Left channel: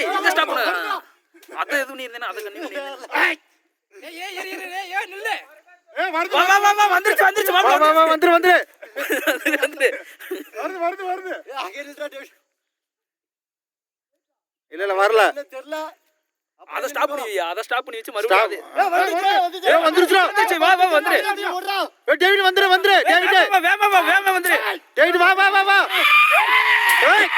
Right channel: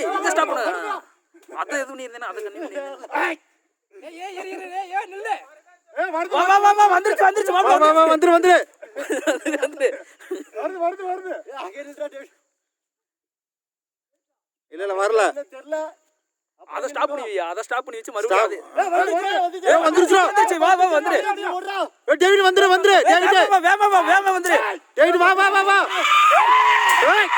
ஏய் இங்க ஸ்டாப் பண்ணு அத எது நீ இருந்தேனா அத கண்ணி பண்ணி ஏய் நில்லு வா வா வா வந்துருச்சு வந்துருச்சு வா வா வா வந்துரு வந்துரு வருது இல்ல வரல தெரியல அத ஸ்டாப் பண்ணி வச்சு மறுபடியும் ஏய் வந்துருச்சு வந்துருச்சு வா வா வந்துரு ஏய் டேவிட் வந்துரு வந்துரு டேவிட் வேமா வந்துரு டேவிட் வா வா வா வா ஏய்